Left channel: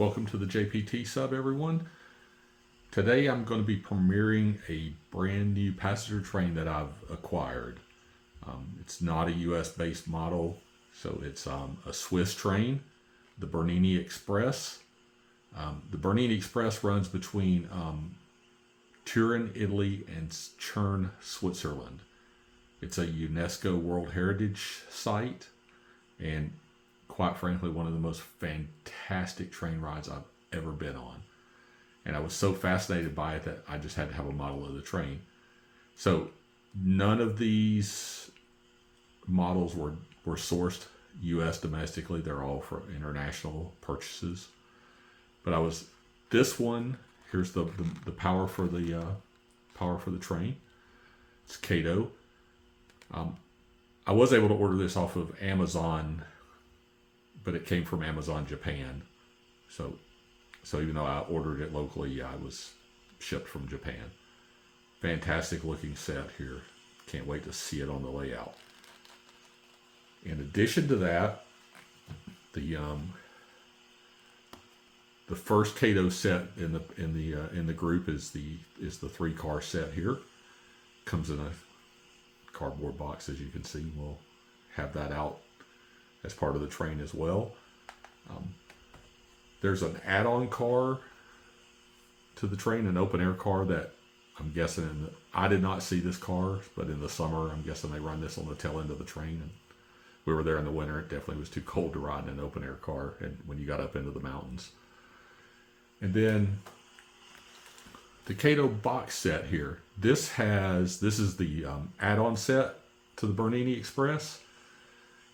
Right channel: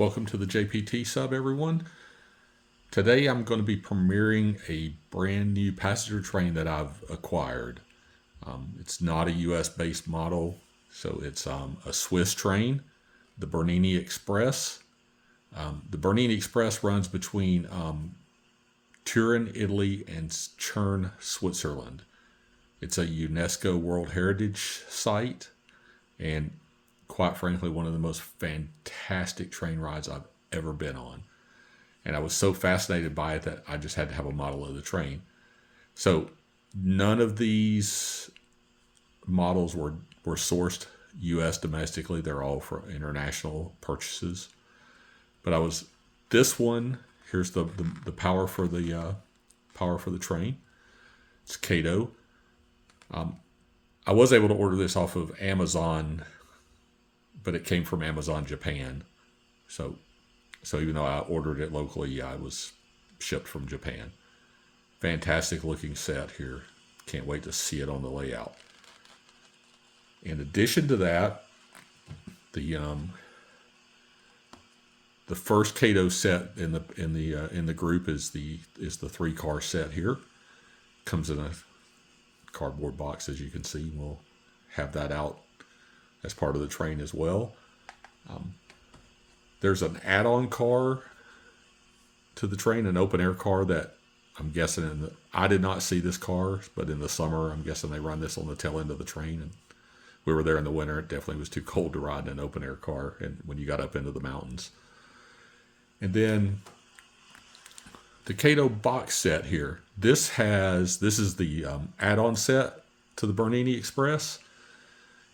Welcome to the JPT sub, everyone. Today I'm going to be premiering a brand new passenger train that I've acquired. It's not a US based model, so it's a Swiss train, the Bernina Express. The Bernina Express runs between Turin, Italy, and Chern, Switzerland. It's a UNESCO World Heritage Site, and quite frankly, one of the most fantastic train rides I've ever been on. And I was so fascinated by it that I just had to have a model of the train. So none of these models were sourced U.S. domestically. They're all for international purchases. But this one. Here's the power for the train. It's Kato. I was able to order this off of Amazon, but it came from Amazon Japan. So even though I ordered it locally, I was shipped from Japan. Fantastic looking set here. Can't wait to see it on the layout. In addition to that, the first Kato set in the group is the 3-car set here. Comes in a cardboard box, as you can see. We'll have that out as part of the train as well. There's an add-on car to the train, an open air car that I'm guessing I did not see this car, but in the summer I'm guessing they run this on the tail end of the train. And we were there in the winter. It definitely was too cold to ride in an open air car, and when you got up into the mountains. And then the Kato box set here. This is the add-on set to the Bernina Express,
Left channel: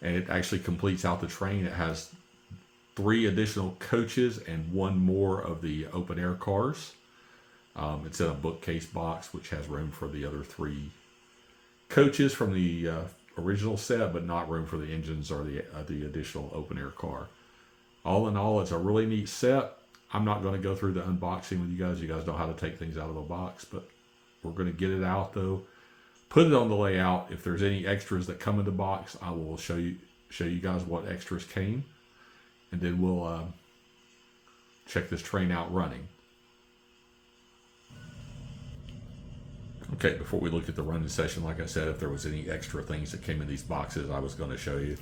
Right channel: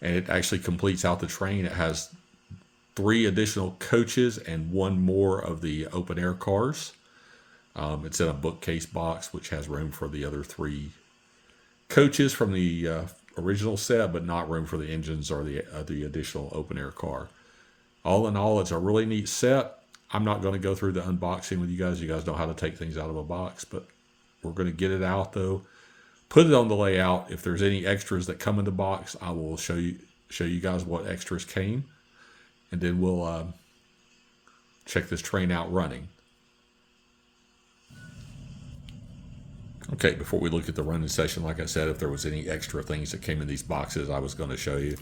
and it actually completes out the train. It has 3 additional coaches and 1 more of the open air cars. It's in a bookcase box, which has room for the other 3 coaches from the original set, but not room for the engines or the additional open air car. All in all, it's a really neat set. I'm not going to go through the unboxing with you guys. You guys know how to take things out of a box, but we're going to get it out though. Put it on the layout. If there's any extras that come in the box, I will show you guys what extras came, and then we'll check this train out running. Okay, before we look at the running session, like I said, if there was any extra things that came in these boxes, I was going to show you.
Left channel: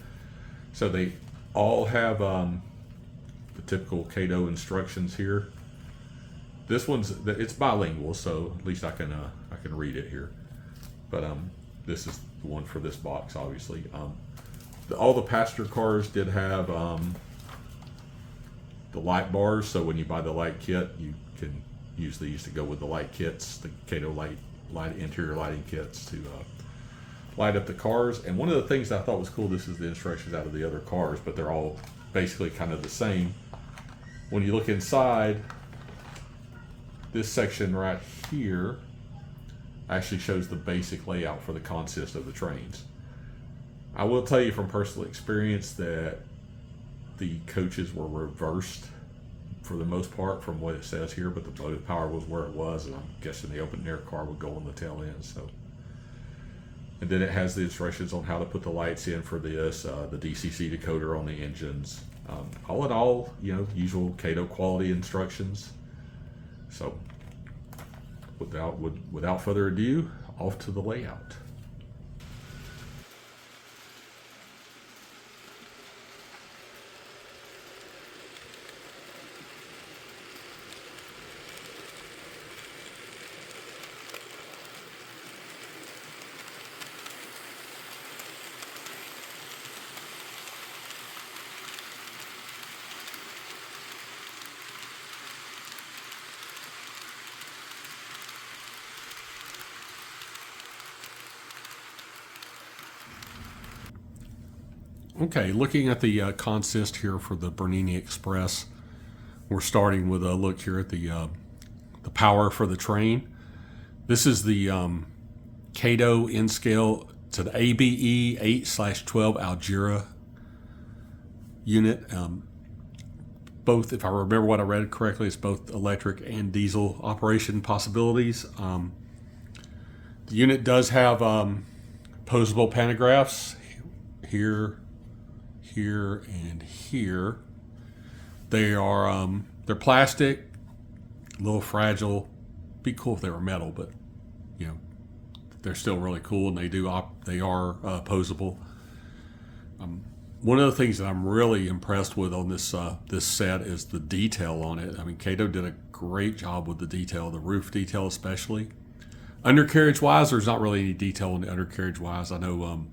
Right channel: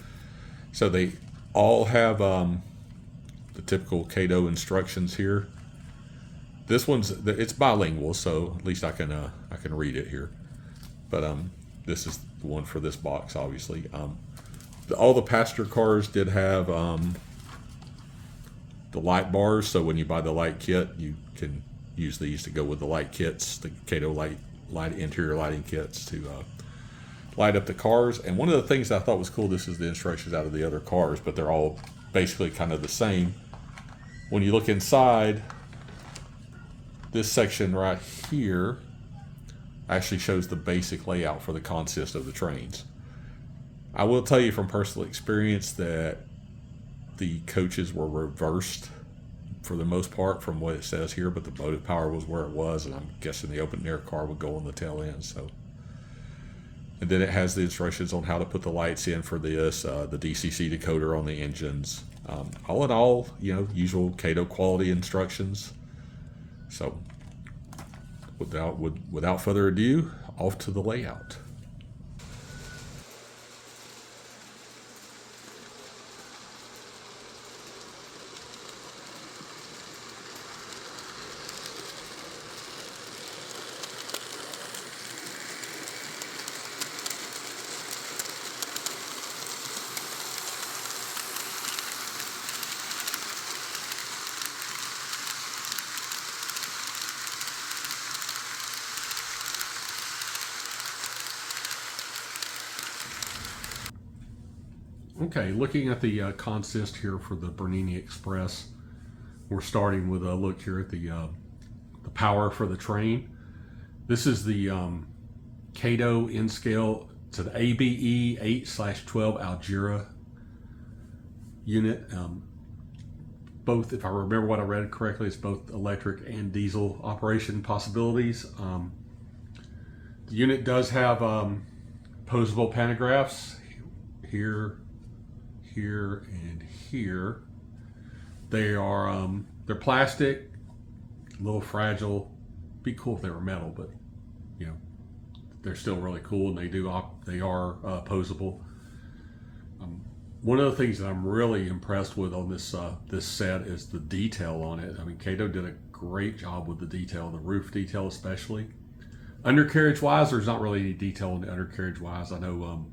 So they all have the typical Kato instructions here. This it's bilingual, so at least I can read it here. But this is the one for this box, obviously. All the passenger cars did have the light bars, so when you buy the light kit, you can use these to go with the light kits, the Kato light interior lighting kits to light up the cars. And one of the things I thought was cool, this is the instructions out of the other cars, but they're all basically kind of the same. When you look inside, this section right here actually shows the basic layout for the consist of the trains. I will tell you from personal experience that the coaches were reversed for the most part from what it says here, but the motive power was where it was, and I'm guessing the open air car would go on the tail end. So, and then it has the instructions on how to put the lights in for this, the DCC decoder on the engines. All in all, usual Kato quality instructions. So, without further ado, off to the layout. Okay, looking at the consist here for the Bernina Express, we're starting with a look here at the power for the train. This is the Kato N-scale. It's an ABE 8/12 Algira unit. Both, if I remember what I read correctly, it's both electric and diesel operation possibilities. The unit does have posable pantographs here, here, and here. They are They're plastic, a little fragile. Be cool if they were metal, but you know they're still really cool, and they are posable. One of the things that I'm really impressed with on this set is the detail on it. I mean, Kato did a great job with the detail, the roof detail especially. Undercarriage wise, there's not really any detail on the undercarriage wise. I know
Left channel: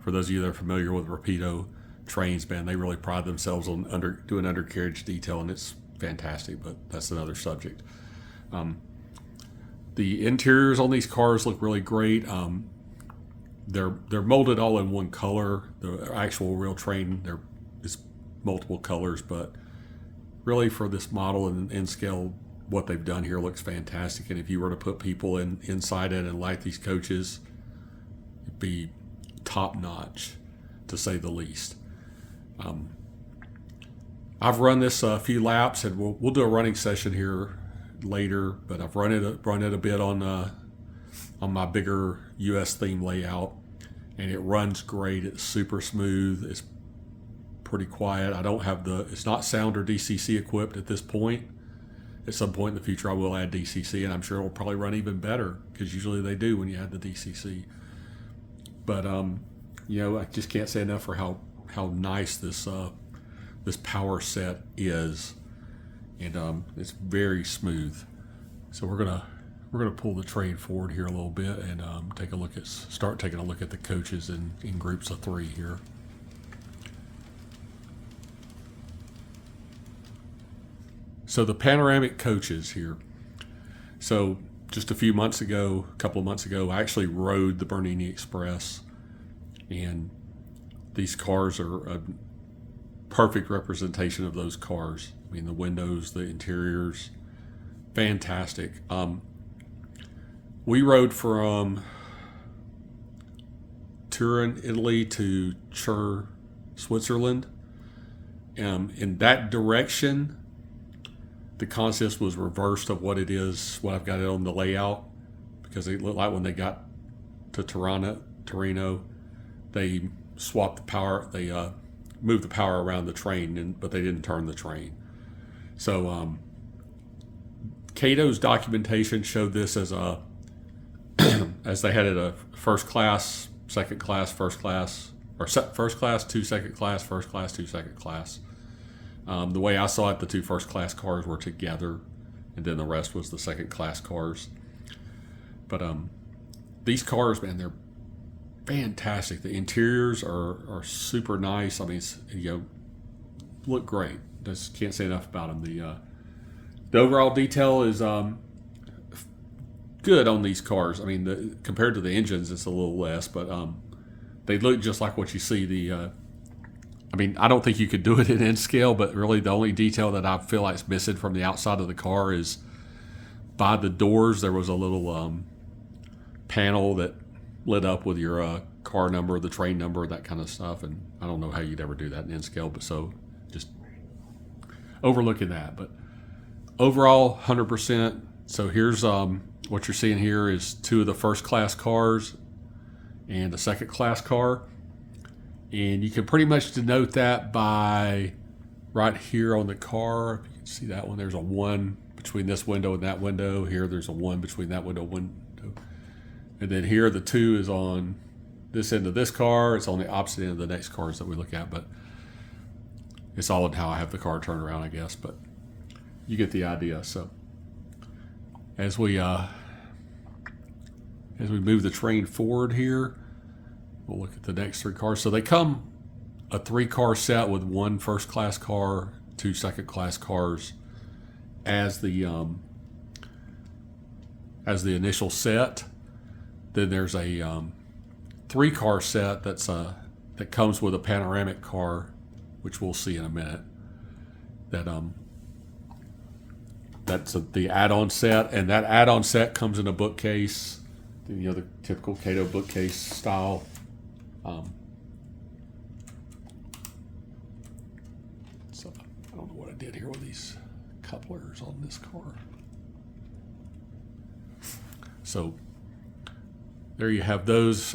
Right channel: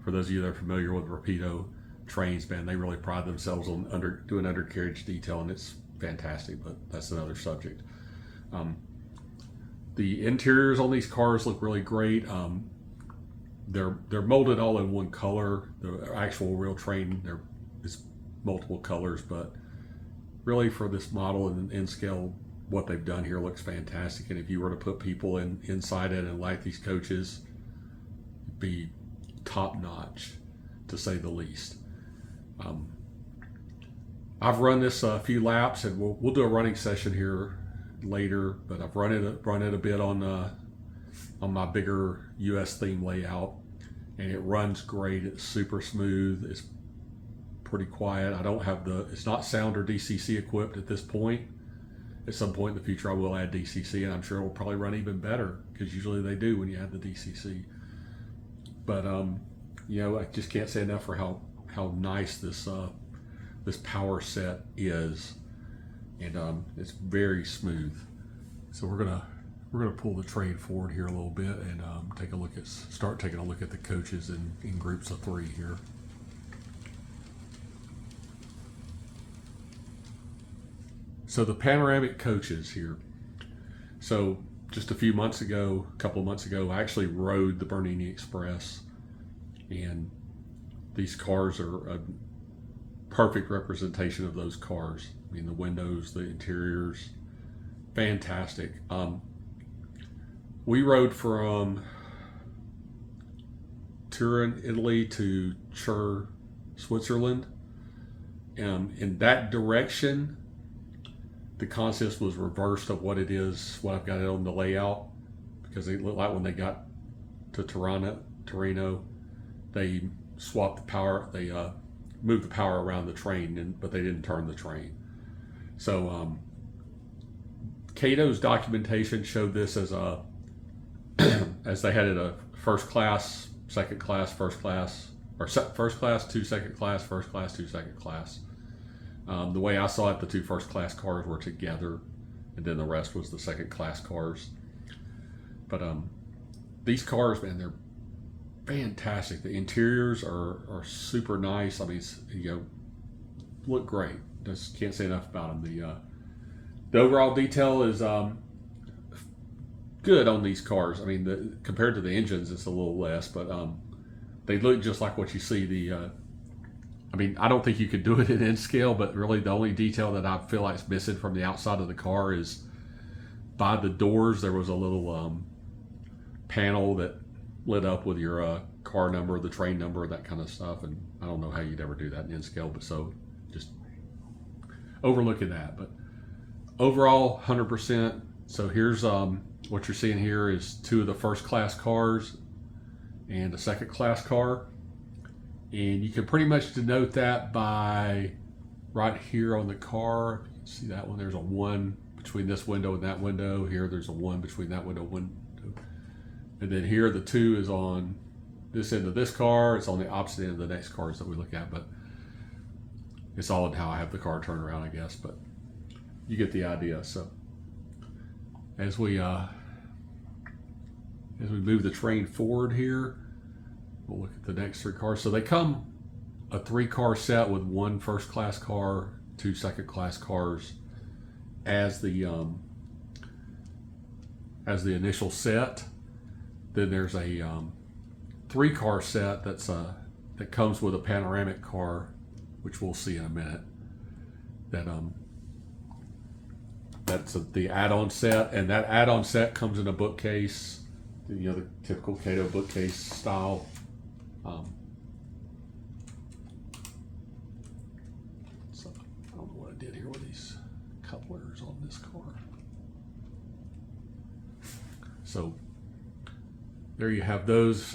for those of you that are familiar with Rapido trains, man, they really pride themselves on doing undercarriage detail, and it's fantastic. But that's another subject. The interiors on these cars look really great. They're molded all in one color. The actual real train there is multiple colors, but really for this model and in scale, what they've done here looks fantastic. And if you were to put people inside it and light these coaches, it'd be top notch, to say the least. I've run this a few laps, and we'll do a running session here later. But I've run it a bit on my bigger U.S. theme layout, and it runs great. It's super smooth. It's pretty quiet. It's not sound or DCC equipped at this point. At some point in the future, I will add DCC, and I'm sure it'll probably run even better, because usually they do when you add the DCC. But I just can't say enough for how nice this power set is, and it's very smooth. So we're gonna pull the train forward here a little bit and start taking a look at the coaches in groups of 3 here. So the panoramic coaches here. So just a couple of months ago, I actually rode the Bernina Express, and these cars are a perfect representation of those cars. I mean, the windows, the interiors, fantastic. We rode from Turin, Italy to Chur, Switzerland. In that direction, the consist was reversed of what I've got it on the layout, because it looked like when they got to Torino, they swapped the power, they moved the power around the train, but they didn't turn the train. So Kato's documentation showed this as as they had it a first class, second class, first class, or first class, 2 second class, first class, 2 second class. The way I saw it, the 2 first class cars were together, and then the rest was the second class cars. But these cars, man, they're fantastic. The interiors are super nice. I mean, look great. Just can't say enough about them. The overall detail is good on these cars. I mean, compared to the engines, it's a little less, but they look just like what you see. I don't think you could do it in scale, but really the only detail that I feel like is missing from the outside of the car is by the doors, there was a little panel that lit up with your car number, the train number, that kind of stuff. And I don't know how you'd ever do that in scale, but so just overlooking that. But overall, 100%. So here's what you're seeing here is 2 of the first class cars and a second class car. And you can pretty much denote that by right here on the car. If you can see that one, there's a 1 between this window and that window. Here, there's a 1 between that window and window. And then here, the 2 is on this end of this car. It's on the opposite end of the next cars that we look at. But it's all in how I have the car turned around, I guess. But you get the idea. So as we move the train forward here, we'll look at the next 3 cars. So they come a 3-car set with 1 first class car, 2 second class cars as the initial set. Then there's a 3-car set that comes with a panoramic car, which we'll see in a minute. That's the add-on set, and that add-on set comes in a bookcase, the typical Kato bookcase style. So I don't know what I did here with these couplers on this car. So there you have those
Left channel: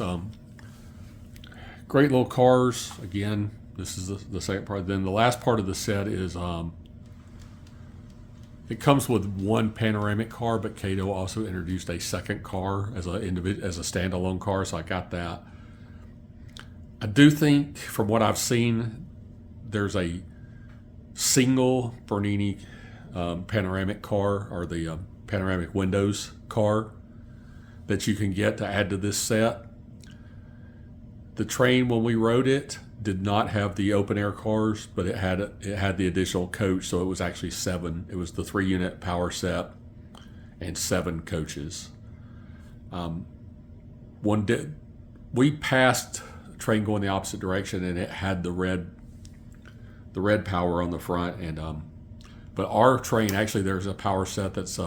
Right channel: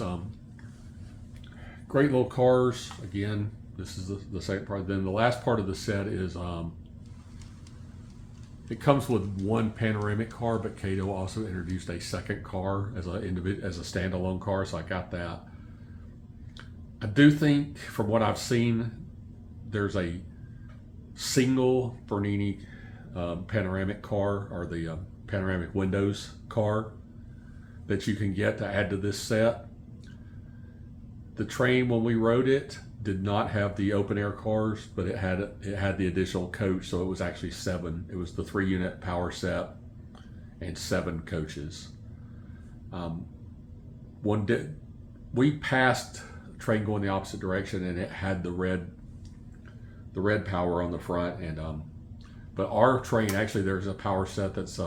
great little cars. Again, this is the second part. Then the last part of the set is It comes with one panoramic car, but Kato also introduced a second car as as a standalone car, so I got that. I do think, from what I've seen, there's a single Bernini panoramic car, or the panoramic windows car, that you can get to add to this set. The train, when we rode it, did not have the open air cars, but it had the additional coach, so it was actually 7. It was the 3-unit power set and 7 coaches. We passed a train going the opposite direction, and it had the red power on the front, and but our train, actually, there's a power set that's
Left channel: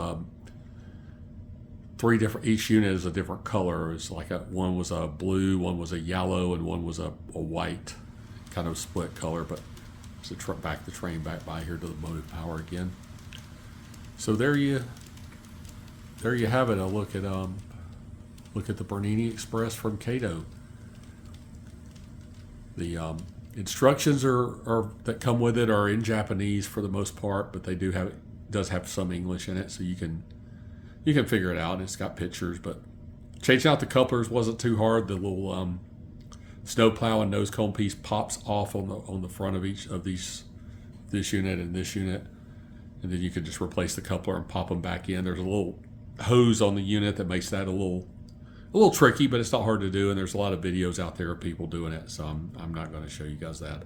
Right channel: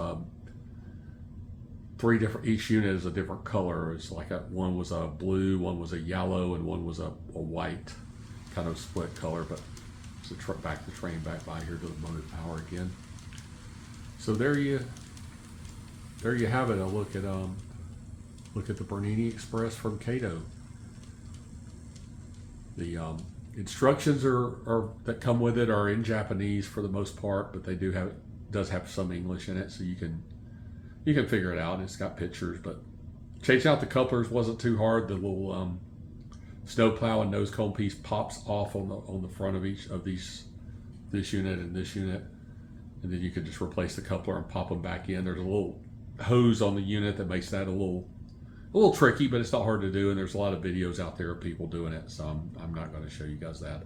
3 different. Each unit is a different color. It's like one was a blue, one was a yellow, and one was a white, kind of split color. But back the train back by here to the motive power again. So there you have it. A look at the Bernina Express from Kato. The instructions that come with it are in Japanese for the most part, but does have some English in it, so you can figure it out. It's got pictures, but changing out the couplers wasn't too hard. The little snowplow and nose cone piece pops off on the front of each of this unit and this unit, and then you can just replace the coupler and pop them back in. There's a little hose on the unit that makes that a little tricky, but it's not hard to do, and there's a lot of videos out there of people doing it, so I'm not going to show you guys that.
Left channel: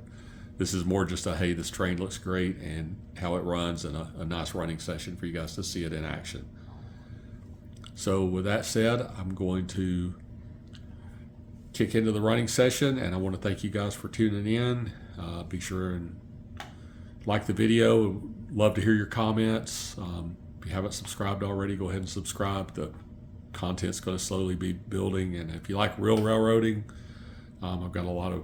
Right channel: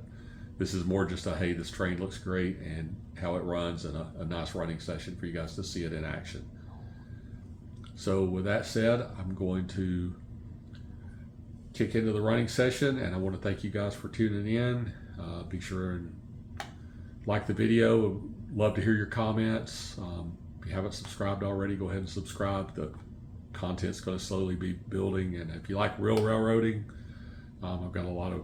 This is more just hey, this train looks great, and how it runs, and a nice running session for you guys to see it in action. So with that said, I'm going to kick into the running session, and I want to thank you guys for tuning in. Be sure and like the video. Love to hear your comments. If you haven't subscribed already, go ahead and subscribe. The content's going to slowly be building, and if you like real railroading, I've got a lot of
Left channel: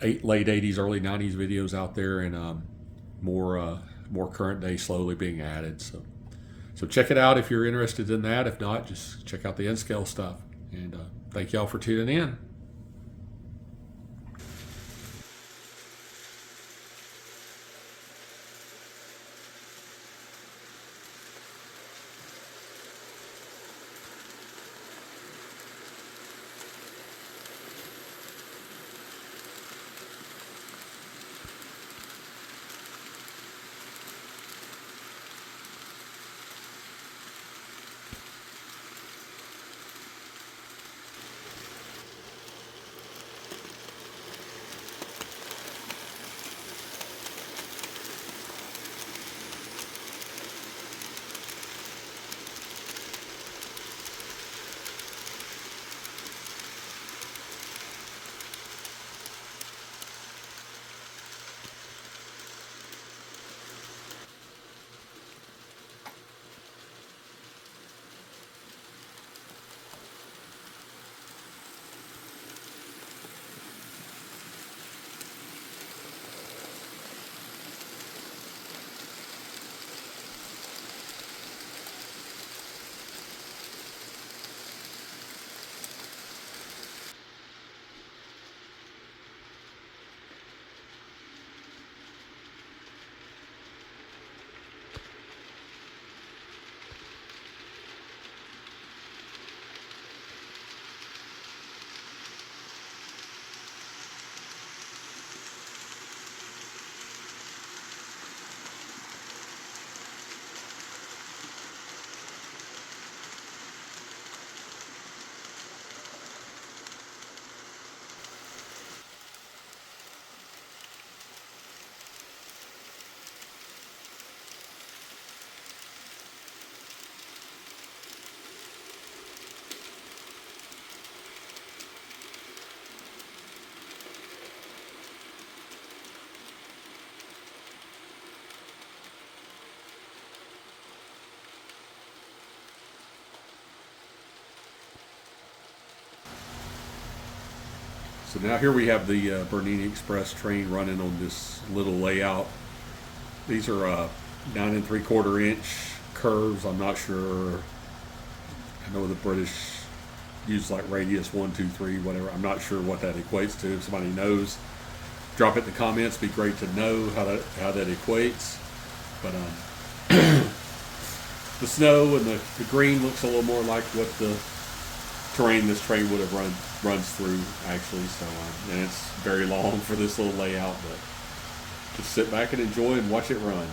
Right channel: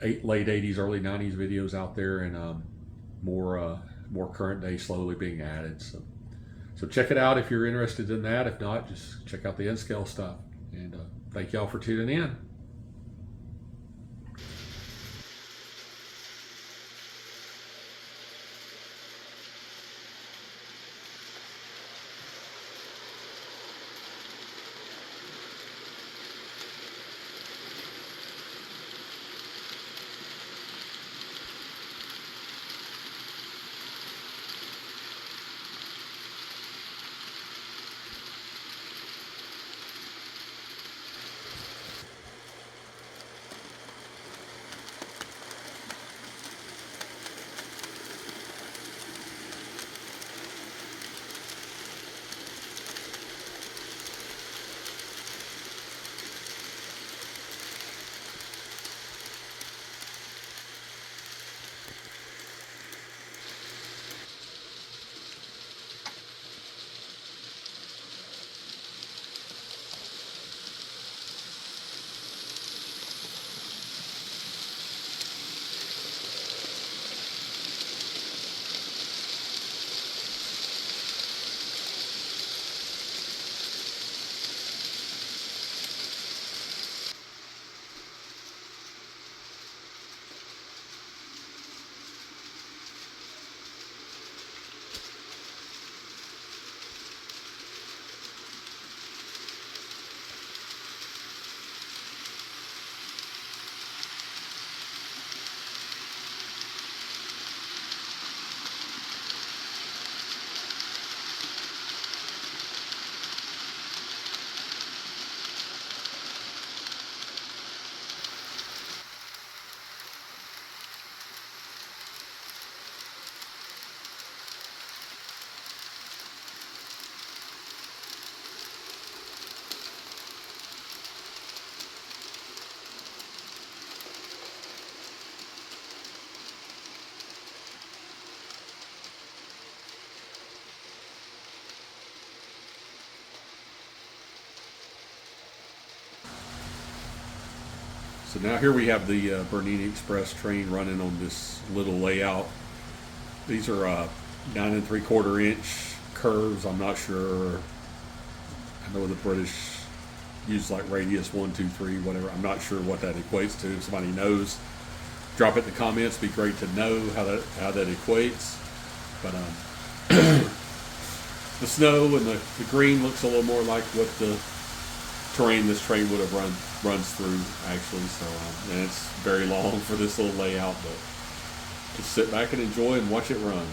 late 80s, early 90s videos out there, and more current day slowly being added. So check it out if you're interested in that. If not, just check out the N-scale stuff. And thank y'all for tuning in. So now here we have the Bernina Express train running on this little layout. These are 9 3/4 inch curves. I'm not sure. I know the British use like radius 1, 2, 3, whatever. I'm not sure what that equates to. If somebody knows, drop it in the comments. It'd be great to know how that equates. But the snow and the green looks a little more like what the terrain this train would have runs through actually. So and it's very long for this little layout, but just sit back and enjoy and watch it run.